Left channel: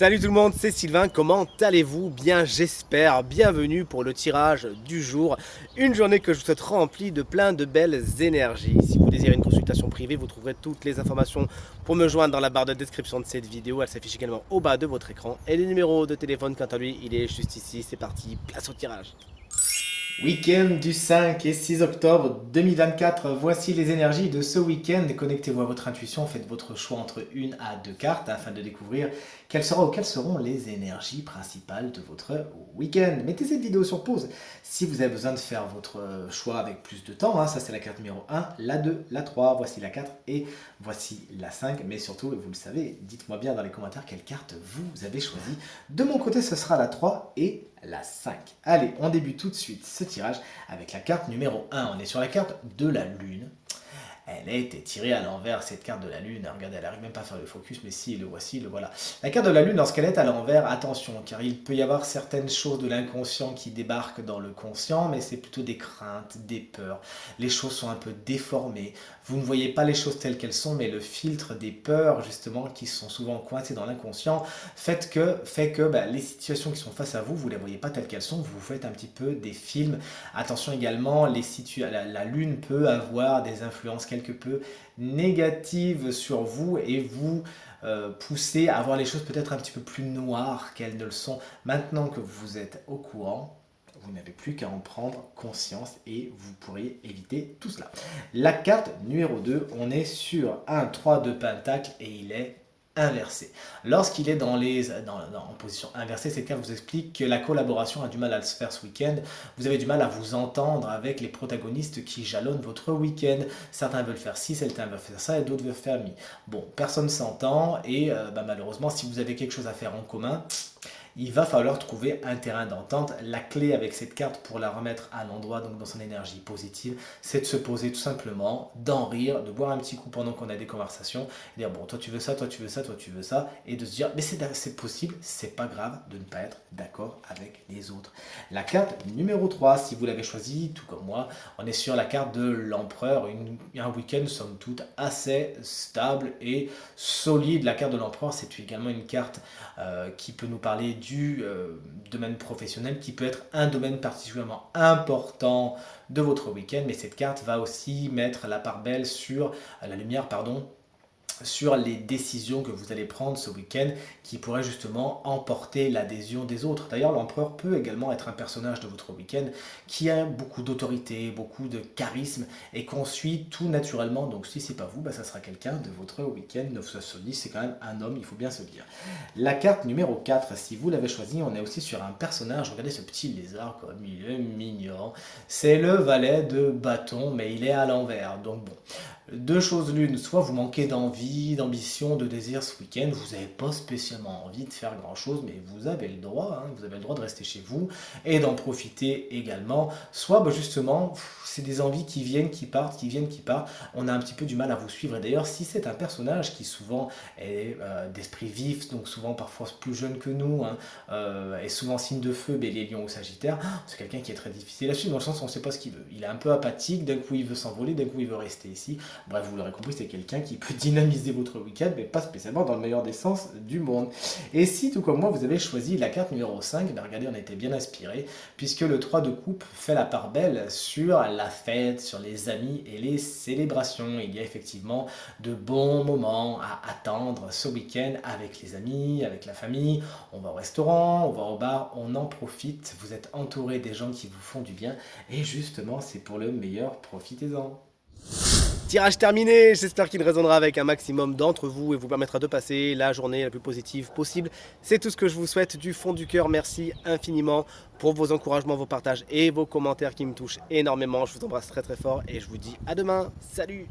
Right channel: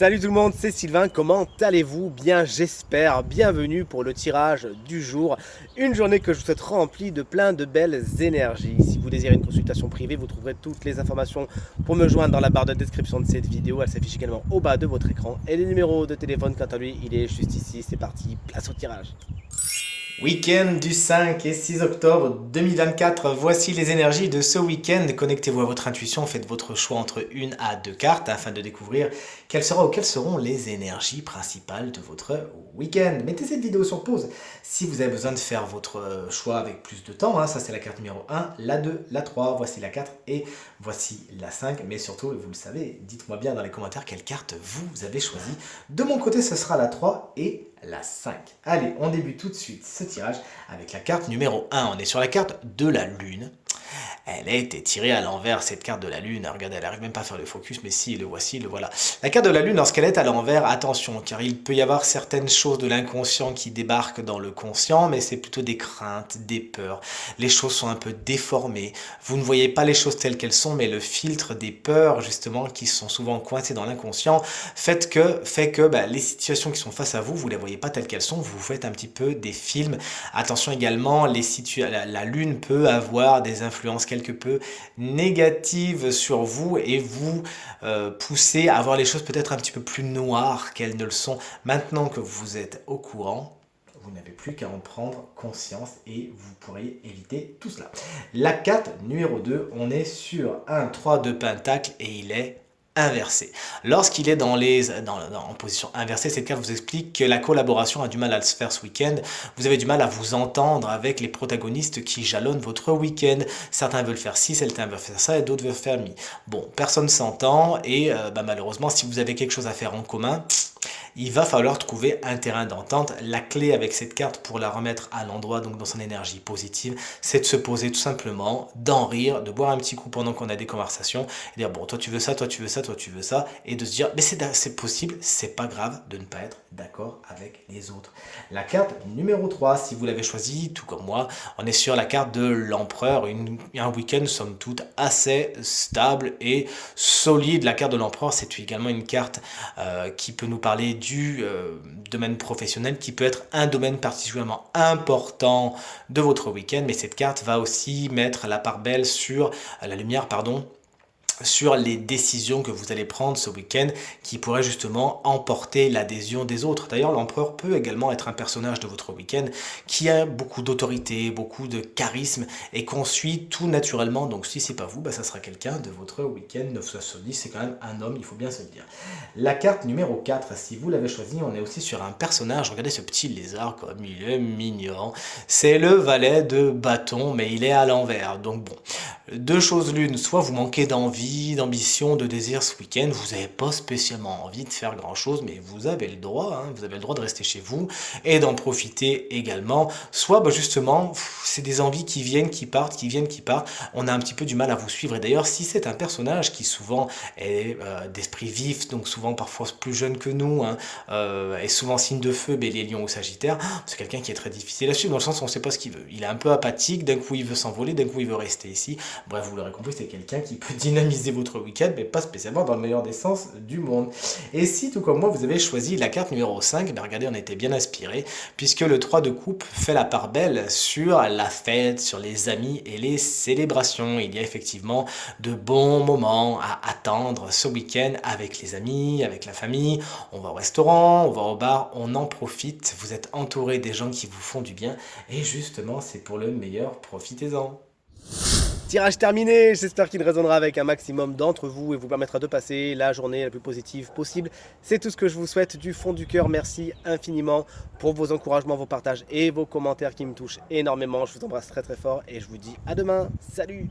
Salut tout le monde, c'est Sylvain, comment allez-vous? Bien j'espère, bienvenue pour le tirage du jour. Une journée que je vous souhaite remplie de plein de belles énergies. Si vous désirez une consultation privée, vous trouverez toutes les informations pour me joindre dans la barre de description de cette vidéo. Elle s'affiche également au bas de votre écran. Et le numéro de téléphone, quant à lui, il est juste ici. C'est parti, place au tirage. Week-end du 5 et 6 octobre 2024, voici les énergies de ce week-end. Connectez-vous à votre intuition, faites votre choix entre une à deux cartes afin de découvrir quelles seront les énergies principales de votre week-end. Mettez cette vidéo sur pause si vous avez besoin de faire votre choix avec plus de temps. Ça c'est la carte numéro 1, la 2, la 3, voici la 4 et voici la 5. Mais surtout, vous le savez, dites-moi bien dans les commentaires quelle carte vous avez choisi. De mon côté, ce sera la 3 et la 5. Allez, on débute tout de suite ce tirage avec la carte numéro 1. On est sur la carte de la Lune. Elle a été tirée à l'envers, cette carte de la Lune. Regardez, elle n'arrive même pas à faire le focus, mais si, le voici, le voilà. La carte de la Lune, lorsqu'elle est à l'envers, attention, car il peut y avoir certaines choses de l'inconscient qui débarquent dans le conscient, mais c'est plutôt des craintes, des peurs. Les choses sont un peu déformées. Vous ne voyez pas les choses telles qu'elles sont, mais le filtre des peurs, justement, qui sont souvent coincées dans l'inconscient, fait que les situations qui sont face à vous, vous ne les voyez pas telles qu'elles sont, vous faites un petit peu des films. Attention également, la Lune peut avoir des influences quelque peu négatives sur vous et vous pousser à voir les choses peut-être un petit peu plus noires qu'elles ne le sont. Maintenant que vous êtes au courant, vous n'avez plus qu'à en prendre conscience et vous pourriez éviter tout cela. La carte numéro 2, on est sur un 3 de pentacle et il est inversé. Lorsqu'il est en position inversée, cette carte vous explique que la collaboration a du mal à se faire ce week-end. Vous avez du mal à vous entendre avec les protagonistes qui jalonnent votre week-end. Certains veulent faire ci, certains veulent faire ça et d'autres veulent faire mi. Bon, personne s'entend et malheureusement, si vous avez quelque chose à faire en commun, il va falloir trouver un terrain d'entente. La clé avec cette carte pour la remettre à l'endroit, donc dans son énergie positive, c'est de se poser tout simplement, d'en rire, de boire un petit coup pendant qu'on a des conversations, et dire bon, toi tu veux ça, toi tu veux ça, toi tu veux ça, et de se dire mais c'est possible, c'est pas grave de ne pas être d'accord avec les autres. La carte numéro 3, si vous l'avez choisi, tout comme moi, on est sur la carte de l'empereur, un week-end somme toute assez stable et solide. La carte de l'empereur, c'est également une carte qui peut nous parler du domaine professionnel, qui peut être un domaine particulièrement important de votre week-end, mais cette carte va aussi mettre la part belle sur la lumière, pardon, sur les décisions que vous allez prendre ce week-end qui pourraient justement emporter l'adhésion des autres. D'ailleurs, l'empereur peut également être un personnage de votre week-end qui a beaucoup d'autorité, beaucoup de charisme et qu'on suit tout naturellement. Donc si c'est pas vous, ça sera quelqu'un de votre week-end. 9 c'est quand même un homme, il faut bien se le dire. La carte numéro 4, si vous l'avez choisi, on est aussi sur un personnage. Regardez ce petit lézard comme il est mignon. C'est le valet de bâton, mais il est à l'envers. Donc bon, deux choses l'une, soit vous manquez d'envie, d'ambition, de désir ce week-end, vous n'avez pas spécialement envie de faire grand-chose, mais vous avez le droit, vous avez le droit de rester chez vous et d'en profiter également. Soit justement, c'est des envies qui viennent, qui partent, qui viennent, qui partent. On a un petit peu du mal à vous suivre. Et d'ailleurs, si c'est un personnage qui souvent est d'esprit vif, donc souvent parfois plus jeune que nous, est souvent signe de feu, bélier, lion ou sagittaire, c'est quelqu'un qui est très difficile à suivre dans le sens où on ne sait pas ce qu'il veut. Il est un peu apathique, d'un coup il veut s'envoler, d'un coup il veut rester ici. Bref, vous l'aurez compris, c'est quelqu'un qui peut dynamiser votre week-end, mais pas spécialement dans le meilleur des sens du monde. Et si, tout comme moi, vous avez choisi la carte numéro 5, regardez, on était bien inspiré, puisque le 3 de coupe fait la part belle sur la fête, sur les amis et les célébrations. Il y a effectivement de bons moments à attendre ce week-end avec les amis, avec la famille. On va au restaurant, on va au bar, on en profite. Vous êtes entouré des gens qui vous font du bien. Et justement, c'est pour le meilleur, profitez-en. Tirage terminé, j'espère qu'il résonnera avec un maximum d'entre vous et vous permettra de passer la journée la plus positive possible. C'est tout ce que je vous souhaite du fond du cœur. Merci infiniment pour vos encouragements, vos partages et vos commentaires qui me touchent énormément. Je vous embrasse très très fort et je vous dis à demain. Salut!